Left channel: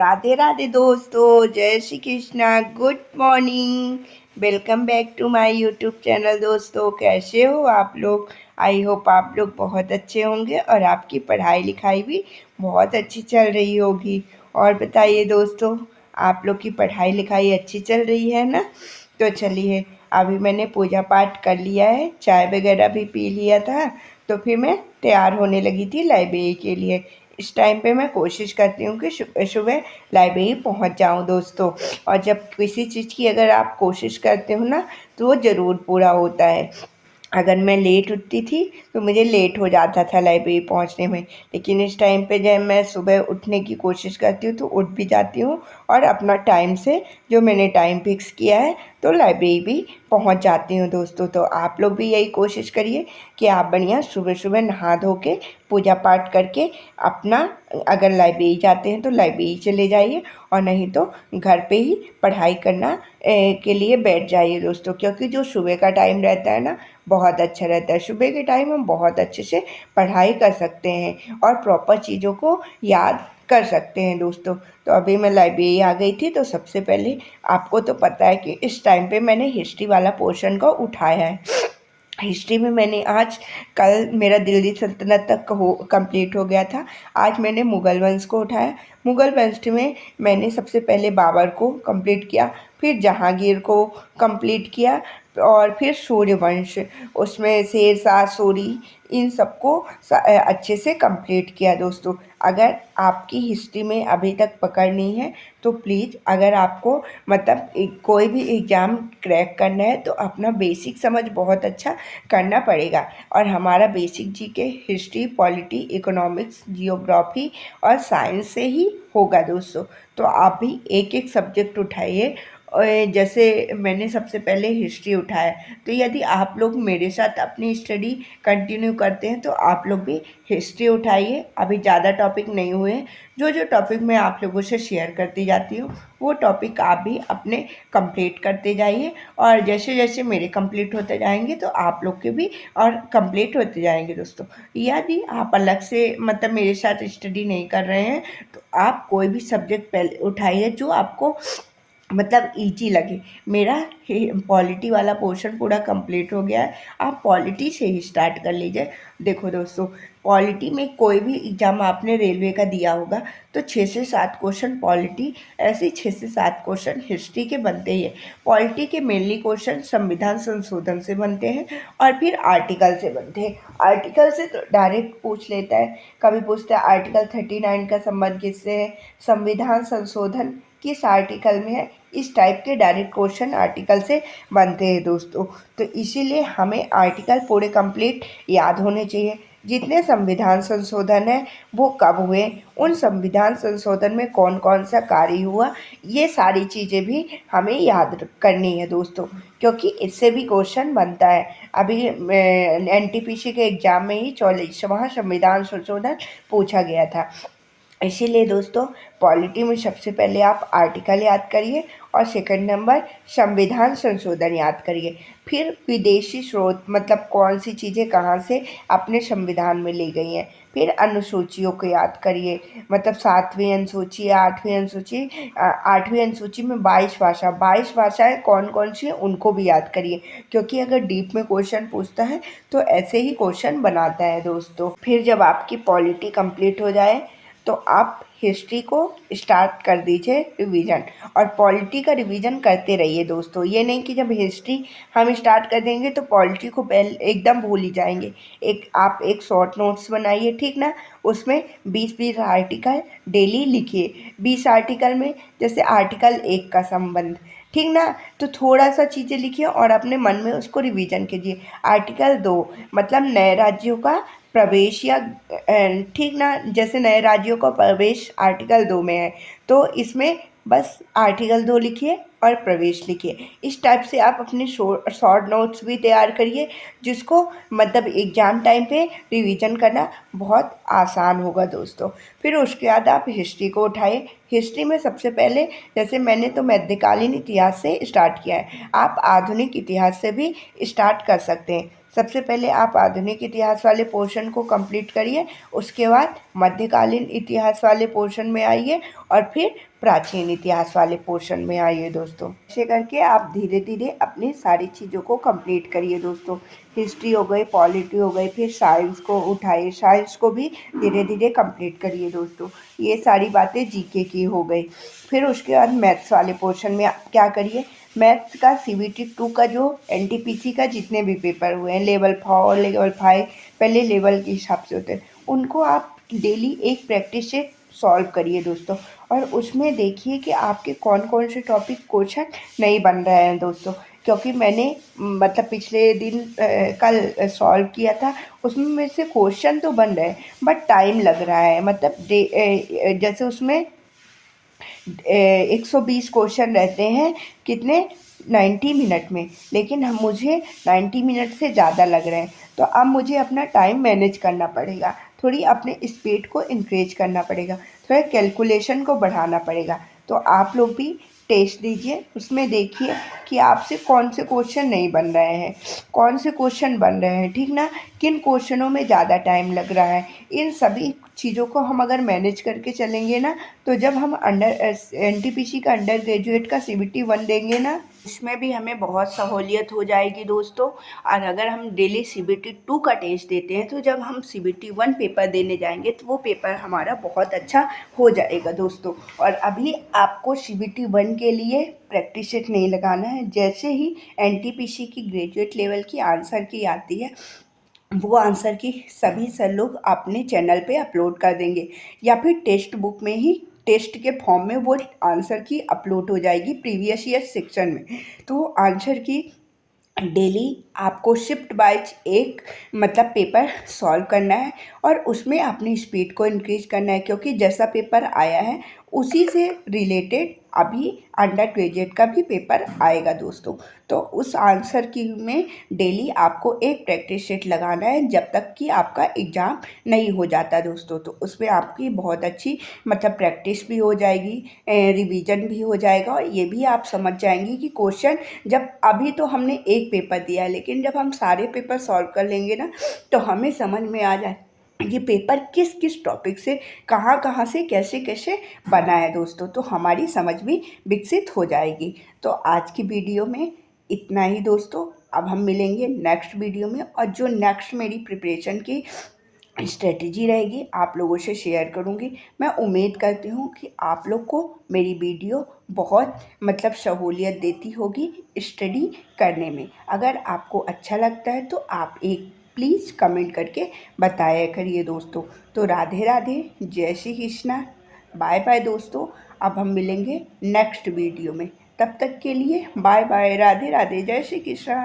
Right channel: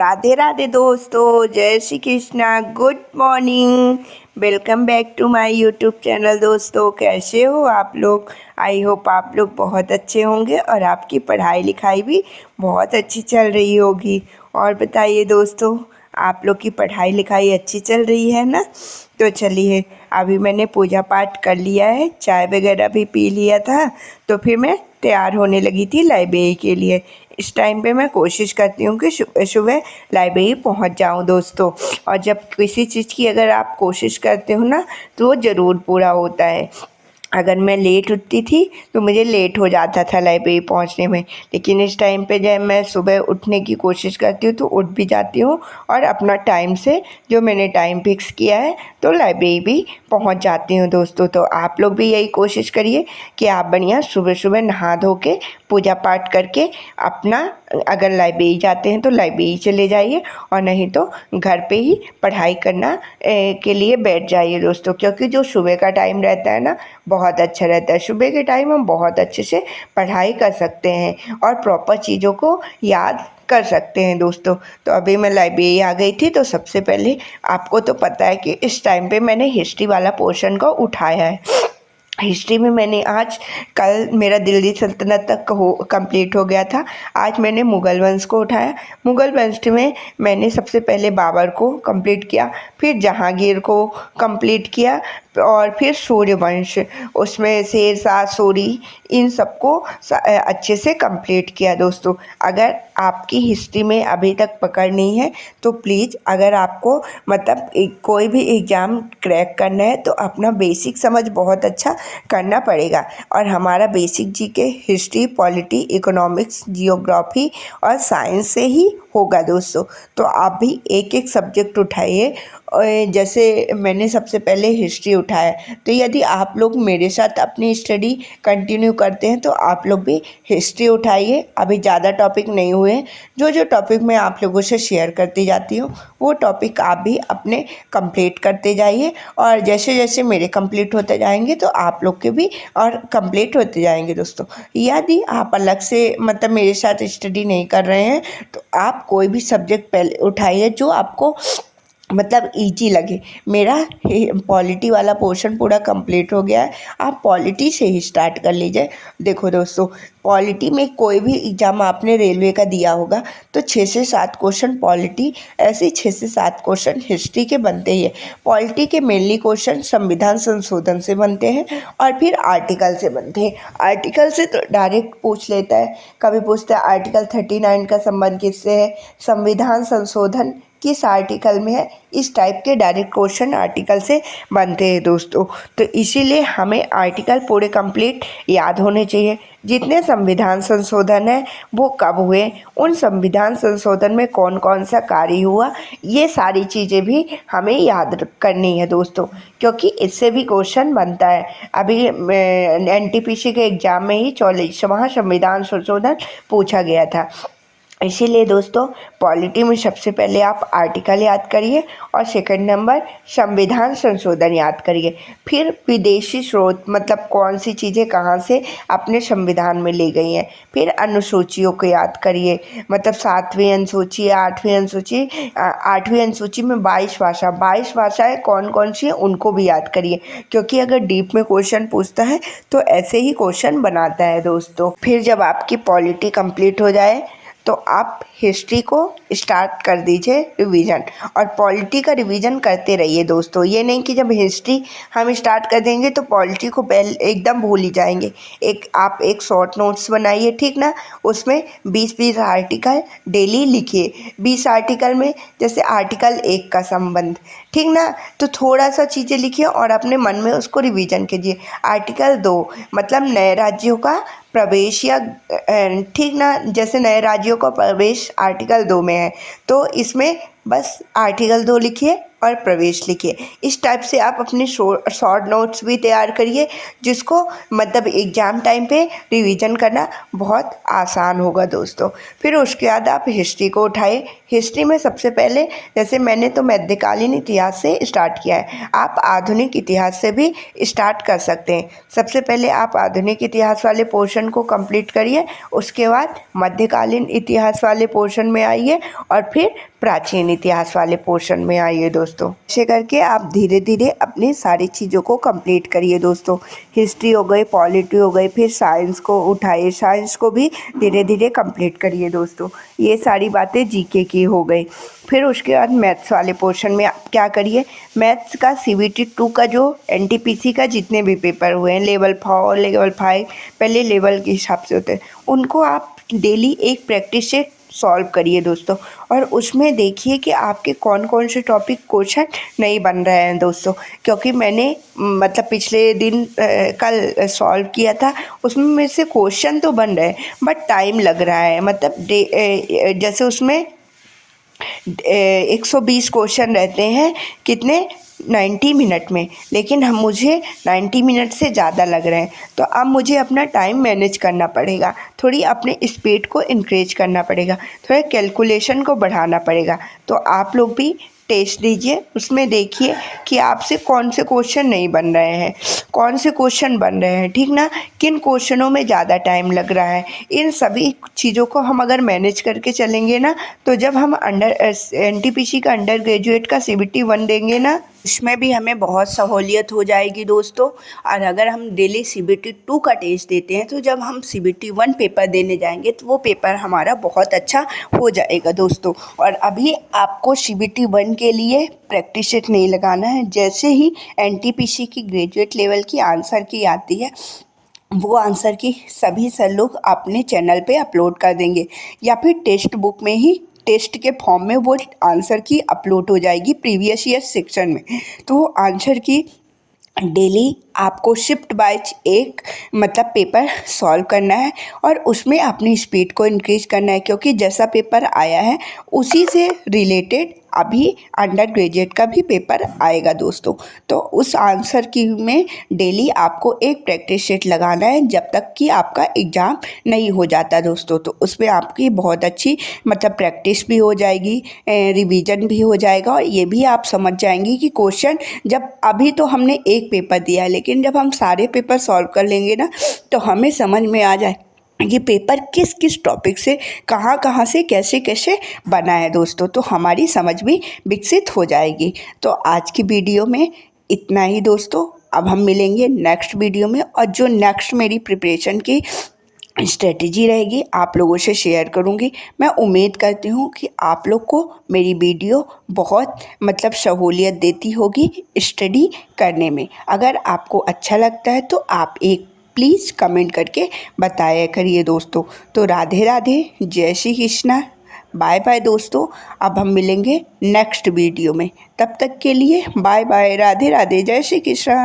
राधे राधे दोस्तों, जय Shri Krishna. Good morning. Welcome back to my YouTube channel. दोस्तों, कैसे हो आप लोग? आई होप आप लोग बहुत अच्छे होंगे और आपकी पढ़ाई लिखाई भी बहुत अच्छी चल रही होगी। और बताइए दोस्तों, आप लोग की पढ़ाई लिखाई अच्छी चल रही है ना? तो चलिए, अभी मैंने पूजा पाठ कर लिया है, चाय वगैरह भी पी लिया था, तो फिर मैं तैयार होने लगी थी लाइब्रेरी के लिए। इस टाइम पे मैं कोशिश करती हूँ कि सुबह सुबह लाइब्रेरी पहुँच जाऊँ दोस्तों। और जब किसी चीज़ की अगर आप कोशिश करते हो ना, तो वो ज़रूर पूरा होता है। अगर मैं लेट उठती थी तो मुझे लेट हो जाता था लाइब्रेरी पहुंचने में, लेकिन इस टाइम पे जब मैं सुबह उठने की कोशिश करती हूँ तो उठ भी जाती हूँ और अपना टाइम से, जो मैंने टाइम फिक्स किया है, तो लाइब्रेरी भी पहुंच जाती हूँ दोस्तों। तो आप लोग भी यही कोशिश करिए कि आप बढ़िया सुबह सुबह नहा धो के पूजा पाठ करके अपना, अगर लाइब्रेरी जाते हैं तो लाइब्रेरी चले जाइए, और नहीं तो घर पे ही पढ़ाई करना के लिए बैठ जाइए दोस्तों। क्योंकि जो सुबह का टाइम रहता है ना, बहुत अच्छा रहता है। सुबह के टाइम हम बहुत अच्छे से पढ़ाई कर सकते हैं और प्रॉपर चीज़ों को याद कर सकते हैं दोस्तों। तो अभी मैं लाइब्रेरी आ गई थी, तो सबसे पहले आपको तो पता है कि इस टाइम पे मैंने हिस्ट्री वाला पोर्शन को उठाया है। हिस्ट्री में मैंने आज, कल मेरा दिल्ली सल्तनत तक हो कंप्लीट हो गया था। आज मैंने मुग़ल वंश को उठाया। मुग़ल वंश में मैंने सबसे पहले बाबर को कंप्लीट किया, फिर जहांगीर को कंप्लीट किया, और फिर सूर्यवंश, उसमें शेरशाह सूरी, इन सबको अच्छे से कंप्लीट किया दोस्तों। अगर आपकी हिस्ट्री में अभी तक पकड़ नहीं है तो प्लीज़, अगर आपको मतलब कोई भी एग्ज़ाम क्रैक करना है तो अपना बेसिक समझ बहुत अच्छा करना पड़ेगा। और हमारा basic GK history, polity, economics, geography और साइंस से ही होगा दोस्तों। तो आप भी एक एक सब्जेक्ट उठाइए। और जैसे मैंने सबसे पहले हिस्ट्री उठाया, तो यदि आप लोग मेरे साथ अपनी स्टडी कंटिन्यू करते हैं तो आप लोग भी हिस्ट्री उठाइए। अभी ज़्यादा टॉपिक नहीं हुए हैं, जो जो टॉपिक मैं आप लोगों से शेयर करती जाती हूँ वो टॉपिक आप भी अपने कंप्लीट करते जाइए। और जैसे जैसे मेरे कंप्लीट होते जाएंगे तो आप लोग के भी और कंप्लीट होते जाएंगे दोस्तों। यदि आप अलग से मतलब मेरे साथ स्टडी नहीं कर रहे हैं तो आप कोई भी सब्जेक्ट पहले उठाइए जो आपको मतलब इजी लगे। मेरा पॉलिटी वाला पोर्शन पूरा कंप्लीट हो गया है, आप पॉलिटी से ही स्टार्ट कर लीजिए। देखो दोस्तों, पॉलिटी में कोई भी एग्ज़ाम आपने रेलवे का दिया होगा तो 6 से 7 क्वेश्चन पॉलिटी, ऐसे 6 से 7 क्वेश्चन हिस्ट्री के बनते ही है। पॉलिटी के मेनली क्वेश्चन संविधान संशोधन से बनते हैं और फिर आर्टिकल से बनते हैं। आर्टिकल से तो डायरेक्ट पूछ लेता है, कभी पूछता है आर्टिकल 39 का संबंध किससे है, संविधान संशोधन किस आर्टिकल में है। इस टाइप के डायरेक्ट क्वेश्चन आर्टिकल से बनते हैं दोस्तों। तो इसीलिए हमें आर्टिकल पूरे कंप्लीट याद होने चाहिए। जितने संविधान संशोधन है वो कब हुए, उन संविधान संशोधन में कौन कौन सा कार्य हुआ, ये सारी चीज़ें भी हमें याद करनी है दोस्तों, क्योंकि इससे भी क्वेश्चन बनता है। अभी एनटीपीसी के एग्ज़ाम में ही 44वां संविधान संशोधन पूछा गया था। इसीलिए दोस्तों, पॉलिटी में सबसे पहले आप आर्टिकल याद करिए और सेकंड नंबर संविधान संशोधन याद करिए। फिर विदेशी स्रोत, मतलब कौन सी चीज़ें कहाँ से अपने संविधान में ली गई हैं। फिर अनुसूचियों को याद करिए, मतलब 7वीं अनुसूची, 8वीं अनुसूची, 8वीं अनुसूची में 22 भाषाएँ कौन कौन सी हैं उनको भी याद करिए, क्योंकि अगर डीप में क्वेश्चन पूछता है तो ऐसे ही क्वेश्चन बनाता है दोस्तों। फिर जब आपकी पॉलिटी कंप्लीट हो जाए तो आप हिस्ट्री को स्टार्ट कर दीजिए रिवीजन, और पॉलिटी का रिवीजन करते रहिए दोस्तों। ये नहीं कि जब हिस्ट्री हम स्टार्ट कर देंगे तो पॉलिटी को पहले एकदम भूल ही जाएंगे। आप एक शॉर्ट नोट्स बनाइए, ठीक ना, उसमें 20-20 आर्टिकल डेली लिखिए। 20 आर्टिकल में जैसे आर्टिकल 1 का संबंध, ठीक ना, तो थोड़ा सा चीज़ें लिखिए और अपने मन में उसको रिवीजन कीजिए। आर्टिकल 2 मतलब नए राज्यों का प्रवेश, या ठीक ना, जैसे नए राज्यों का प्रवेश आर्टिकल 2 में है तो इसमें बस आर्टिकल 2 लिखिए और प्रवेश लिखिए। इस टाइप से आप अपनी शॉर्ट नोट्स भी तैयार करिए, जिसको मतलब एग्ज़ाम टाइम पे रिवीजन करना बहुत आसान होगा दोस्तों। फिर उसके बाद आप हिस्ट्री को उठाए। हिस्ट्री में सबसे पहले, जैसे मैंने तो मध्यकालीन इतिहास से स्टार्ट किया है, आप आधुनिक इतिहास से भी स्टार्ट कर सकते हैं। सबसे पहले आप आधुनिक इतिहास वाले पोर्शन को कंप्लीट करिए, उसके बाद मध्यकालीन इतिहास वाले पोर्शन में आइए और फिर प्राचीन इतिहास वाले पोर्शन में आइए दोस्तों। ऐसे करके आप धीरे धीरे अपनी सारी चीज़ों को कंप्लीट करिए दोस्तों। हिस्ट्री हो गई, पॉलिटी हो गई, फिर साइंस को उठाइए, साइंस को भी धीरे धीरे कंप्लीट करिए दोस्तों। ये सारी बातें जीके की हो गई। फिर उसके बाद मैथ्स वाले पोर्शन में आप क्या करिए, मैथ्स का CBT 2 का जो NTPC का जितने भी पेपर हुए हैं, लेवल 4 लेवल 5 पहले लेवल के हिसाब से होते हैं, उनको आप डेली एक प्रैक्टिस से सॉल्व करिए दोस्तों। और उसमें देखिए कि आपके कौन कौन से टॉपिक क्वेश्चन नहीं बन रहे हैं दोस्तों। क्योंकि मैंने मतलब पिछले दिन कल सॉल्व किया था, उसमें मेरे से क्वेश्चन तो बन रहे हैं बट टाइम लग रहा है। मतलब जैसे उसमें 120 क्वेश्चन रहते हैं, कितने 90 मिनट में, लेकिन मुझे 90 मिनट से ज़्यादा लग रहे हैं। तो अब मुझे अपना टाइम मैनेज करना पड़ेगा, थोड़ी अपने स्पीड को इंक्रीज करना पड़ेगा, थोड़ा कैलकुलेशन को बढ़ाना पड़ेगा। तो आप लोग भी टेस्ट दीजिए, उसमें देखिए कि आपसे कौन से क्वेश्चन नहीं बन रहे हैं, कौन से क्वेश्चन बन रहे हैं, ठीक ना, किन क्वेश्चनों में ज़्यादा टाइम लग रहा है। इन सभी चीज़ों को हम अगर मैनेज करके चलेंगे ना, तो जब हम NTPC का अंडर ग्रेजुएट का CBT 1 देंगे ना, इसमें भी हमें बहुत सहूलियत हो जाएगी दोस्तों। और अगर हम डेली CBT 2 का टेस्ट देते हैं, तो जब हम CBT 1 पेपर देने जाएंगे तो वो पेपर हमारा बहुत अच्छा हो जाएगा दोस्तों। और अभी आपको CBT 1 के लिए प्रैक्टिस सेट नहीं लगाना है। जैसे ही NTPC की ग्रेजुएट लेवल की आंसर की आती है, वो आंसर की सभी सर लोग अपने चैनल पे अपलोड कर देंगे, या फिर टेक्स्ट बुक में ही टेस्ट के फॉर्म में वो आंसर की अपलोड हो जाएगी प्रीवियस ईयर सेक्शन में। तो आंसर की डेली आपको शिफ्ट बाइज एक मतलब पेपर सॉल्व करना है, और उसमें अपनी स्पीड को इंक्रीज करना है। क्योंकि जैसा पेपर आया है उसी से रिलेटेड अभी अंडर ग्रेजुएट का भी पेपर आएगा दोस्तों। तो उस आंसर की में डेली आपको एक प्रैक्टिस सेट लगाना है, जब तक कि आपका एग्ज़ाम नहीं हो जाता दोस्तों। तो उसमें आपकी बहुत अच्छी मतलब प्रैक्टिस भी हो जाएगी, रिवीजन भी हो जाएगा, और ये भी आप समझ जाएंगी कि क्वेश्चन जब अभी तो हमने एक पेपर दिया है, लेकिन जब हम सारे पेपर सॉल्व कर लेंगे ना, तो हमें समझ में आ जाए ये पेपर किस किस टॉपिक से कहाँ कहाँ से कैसे कैसे बना है दोस्तों। तो हमारी समझ भी विकसित हो जाएगी। तो आज की वीडियो में इतना ही दोस्तों। अब हम मिलेंगे नेक्स्ट वीडियो में, और जो नेक्स्ट मेरी प्रिपरेशन की स्ट्रेटजी रहेगी आप लोगों से शेयर करूंगी। मैं उम्मीद करती हूँ कि आप लोग को मेरी वीडियो बहुत मतलब सहूलियत देती होगी स्टडी करने में। अगर आपको अच्छा लगता है तो आप एक प्लीज़ कमेंट करके बताया करिए दोस्तों। तो राधे राधे, जय श्री कृष्णा, बाय बाय दोस्तों। अब हम मिलेंगे नेक्स्ट वीडियो में, तब तक के लिए बाय बाय, राधे राधे, जय श्री कृष्णा।